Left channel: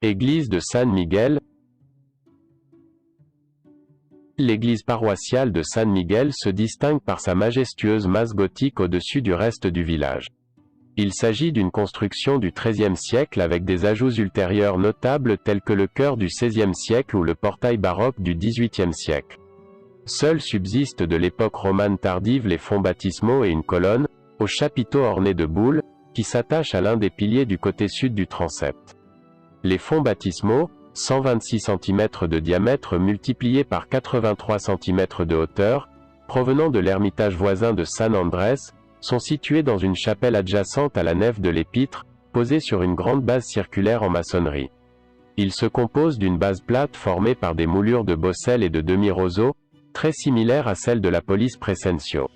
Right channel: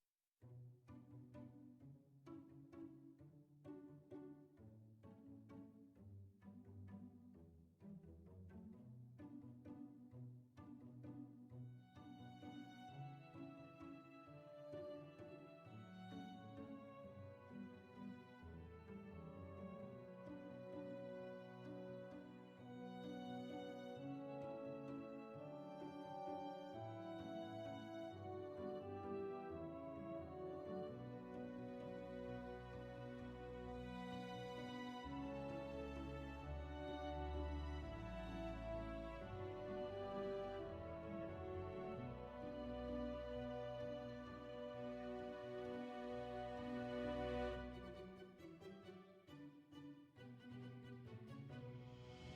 Église de San Miguel. L'église paroissiale de San Miguel se distingue par sa majestueuse masse gothique au-dessus du reste du village. Il s'agit d'une construction du XIIIe siècle avec des ajouts ultérieurs notables tels que le chœur du XVIe siècle ou le portail baroque du XVIIIe siècle. Seuls subsistent de l'époque romane tardive les fonts baptismaux et une colonne, au chapiteau orné de boules, qui s'attache à l'un des piliers du côté sud du transept. Les fonts baptismaux, 126 cm de diamètre multipliés par 83 cm de hauteur, provenant de l'ermitage voisin de San Andrés, sont situés dans une chapelle adjacente à la nef de l'épître, posée sur une grande base circulaire en maçonnerie. Ils se composent d'une base plate formée par des moulures de bosselles et de demi-roseaux, très similaires à celles de la police Crescencio.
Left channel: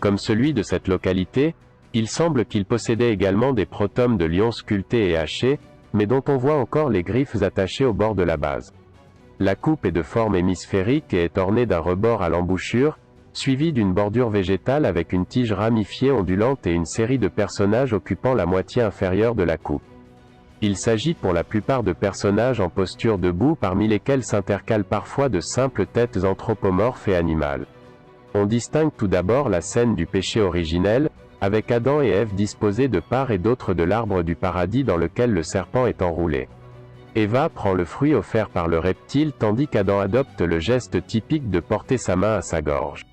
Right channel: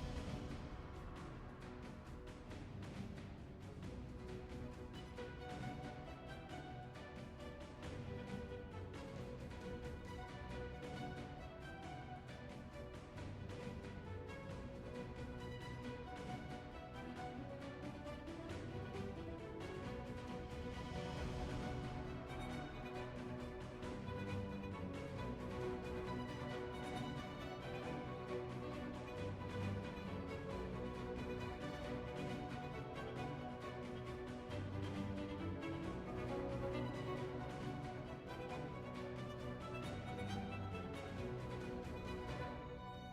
Comme celui de cette localité, il semble qu'il possédait également des protomes de lion sculptés et hachés, mais dont on voit encore les griffes attachées au bord de la base. La coupe est de forme hémisphérique et est ornée d'un rebord à l'embouchure, suivi d'une bordure végétale avec une tige ramifiée ondulante et une série de personnages occupant la moitié inférieure de la coupe. Il s'agit pour la plupart de personnages en posture debout parmi lesquels s'intercalent parfois de simples têtes anthropomorphes et animales. On distingue tout d'abord la scène du péché originel, avec Adam et Ève disposés de part et d'autre de l'arbre du paradis dans lequel le serpent est enroulé. Eva prend le fruit offert par le reptile tandis qu'Adam adopte le geste typique de porter sa main à sa gorge.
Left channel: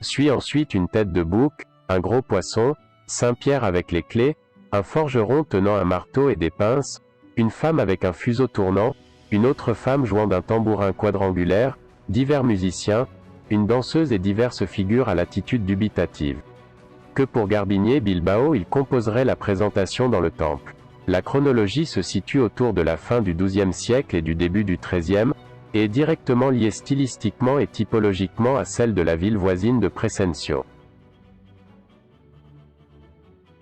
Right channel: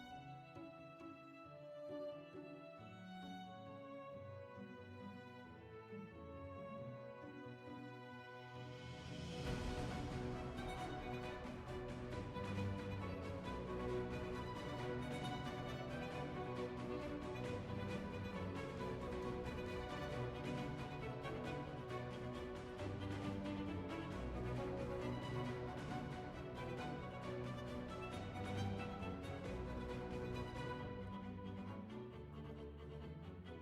Suit ensuite une tête de bouc, un gros poisson, Saint Pierre avec les clés, un forgeron tenant un marteau et des pinces, une femme avec un fuseau tournant, une autre femme jouant d'un tambourin quadrangulaire, divers musiciens, une danseuse et diverses figures à l'attitude dubitative. Que pour Garbinier Bilbao il composerait la présentation dans le temple. La chronologie se situe autour de la fin du XIIe siècle et du début du XIIIe, et est directement liée stylistiquement et typologiquement à celle de la ville voisine de Crescencio.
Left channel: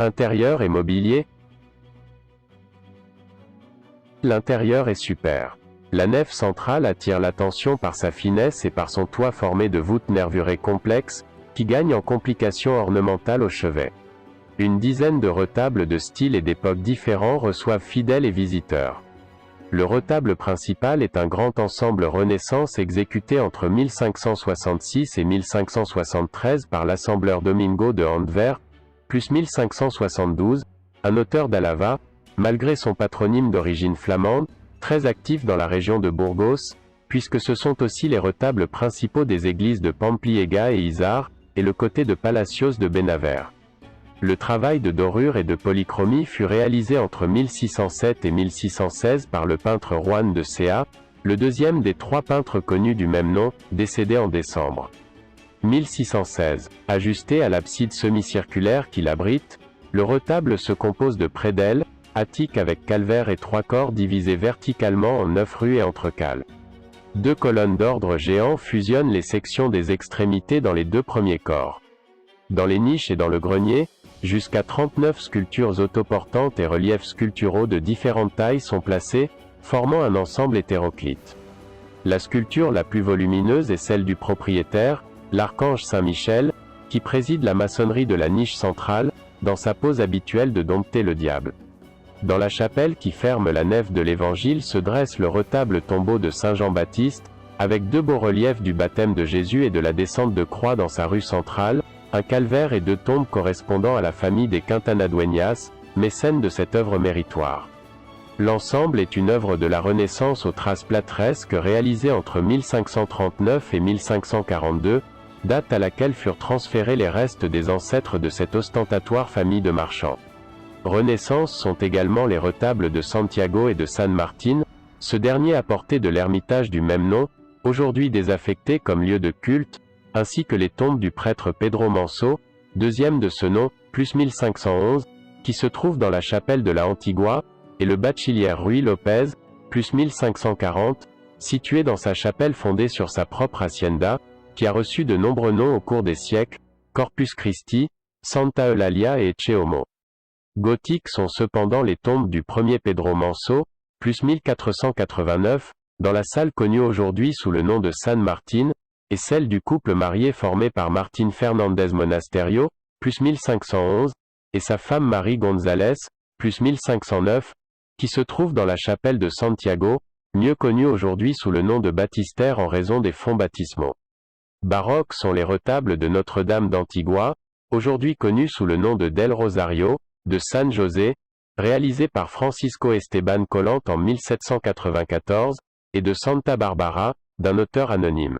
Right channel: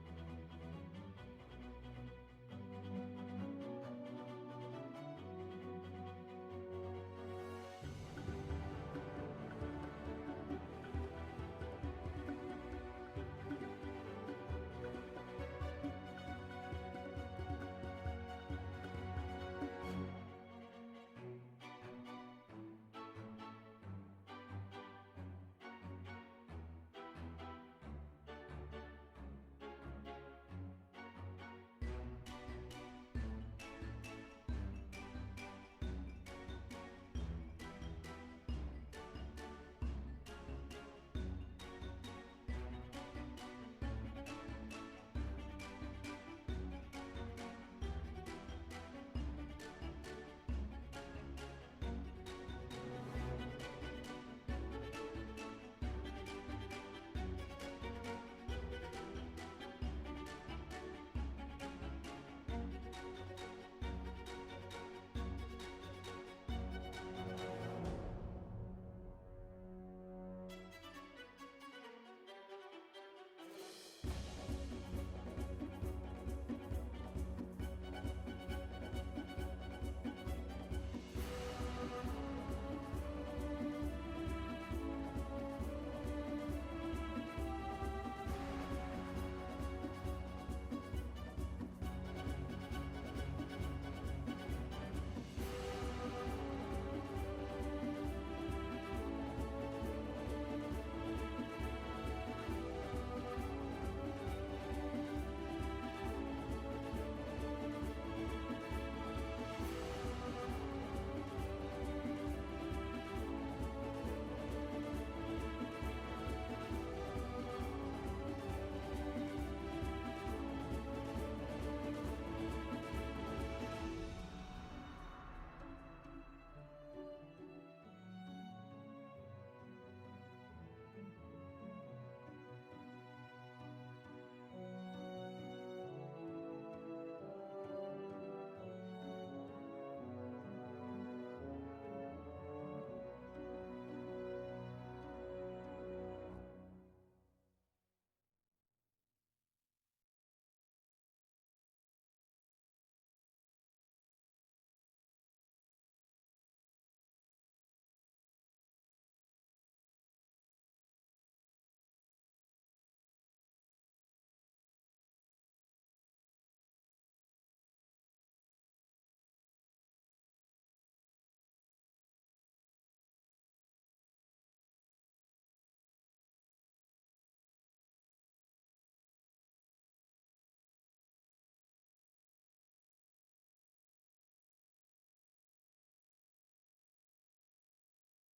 Intérieur et mobilier. L'intérieur est super. La nef centrale attire l'attention par sa finesse et par son toit formé de voûtes nervurées complexes, qui gagnent en complications ornementales au chevet. Une dizaine de retables de styles et d'époques différents reçoivent fidèles et visiteurs. Le retable principal est un grand ensemble Renaissance exécuté entre 1566 et 1573 par l'assembleur Domingo de Antwerp, plus 1572, un auteur d'Alava, malgré son patronyme d'origine flamande, très actif dans la région de Burgos, puisque ce sont aussi les retables principaux des églises de Pampliega et Izar, et le côté de Palacios de Benaver. Le travail de dorure et de polychromie fut réalisé entre 1607 et 1616 par le peintre Juan de Sea, le deuxième des trois peintres connus du même nom, décédé en décembre 1616. Ajusté à l'abside semi-circulaire qui l'abrite, le retable se compose de prédelles, attiques avec calvaire et trois corps divisés verticalement en 9 rues et entrecales. Deux colonnes d'ordre géant fusionnent les sections des extrémités dans les deux premiers corps. Dans les niches et dans le grenier, jusqu'à 39 sculptures autoportantes et reliefs sculpturaux de différentes tailles sont placés, formant un ensemble hétéroclite. La sculpture la plus volumineuse est celle du propriétaire, l'archange Saint-Michel, qui préside la maçonnerie de la niche centrale, dans sa pose habituelle de dompter le diable. Dans la chapelle qui ferme la nef de l'Évangile se dresse le retable tombeau de Saint Jean-Baptiste, avec deux beaux reliefs du baptême de Jésus et de la descente de croix dans sa rue centrale, un calvaire et deux tombes correspondant à la famille des Quintana-Dueñas, mécènes de cette œuvre méritoire. L'ensemble est une œuvre de la Renaissance aux traces plâtresques réalisée entre 1539 et 1542, date à laquelle furent transférés les restes des ancêtres de cette ostentatoire famille de marchands. Renaissance sont également les retables de Santiago et de San Martín, ce dernier apporté de l'ermitage du même nom, aujourd'hui désaffecté comme lieu de culte, ainsi que les tombes du prêtre Pedro Manso, deuxième de ce nom, plus 1511, qui se trouve dans la chapelle de la Antigua, et le bachiller Ruy Lopez, plus 1540, situé dans sa chapelle fondée sur sa propre hacienda, qui a reçu de nombreux noms au cours des siècles, Corpus Christi, Santa Eulalia et Cheomo. Gothiques sont cependant les tombes du premier Pedro Manso, plus 1489, dans la salle connue aujourd'hui sous le nom de San Martín, et celle du couple marié formé par Martín Fernández Monasterio, plus 1511, et sa femme Marie González, plus 1509, qui se trouve dans la chapelle de Santiago, mieux connue aujourd'hui sous le nom de baptistère en raison des fonts baptismaux. Baroques sont les retables de Notre-Dame d'Antigua, aujourd'hui connus sous le nom de Del Rosario, de San José, réalisés par Francisco Esteban Collant en 1794, et de Santa Barbara, d'un auteur anonyme.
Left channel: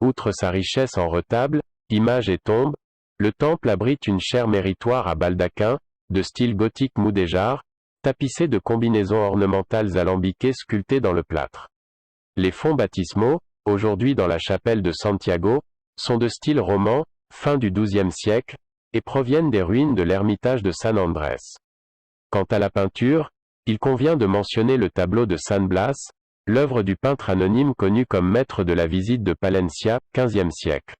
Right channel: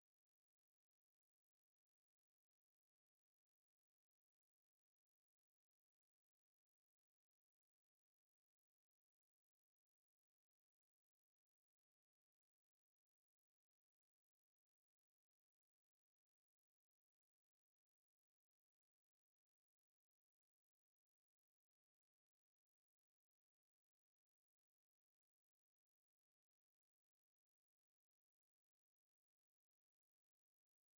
Outre sa richesse en retables, images et tombes, le temple abrite une chaire méritoire à baldaquin, de style gothique mudéjar, tapissé de combinaisons ornementales alambiquées sculptées dans le plâtre. Les fonts baptismaux, aujourd'hui dans la chapelle de Santiago, sont de style roman, fin du XIIe siècle, et proviennent des ruines de l'ermitage de San Andrés. Quant à la peinture, il convient de mentionner le tableau de San Blas, l'œuvre du peintre anonyme connu comme maître de la visite de Palencia, XVe siècle.